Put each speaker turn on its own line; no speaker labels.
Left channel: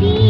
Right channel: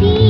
be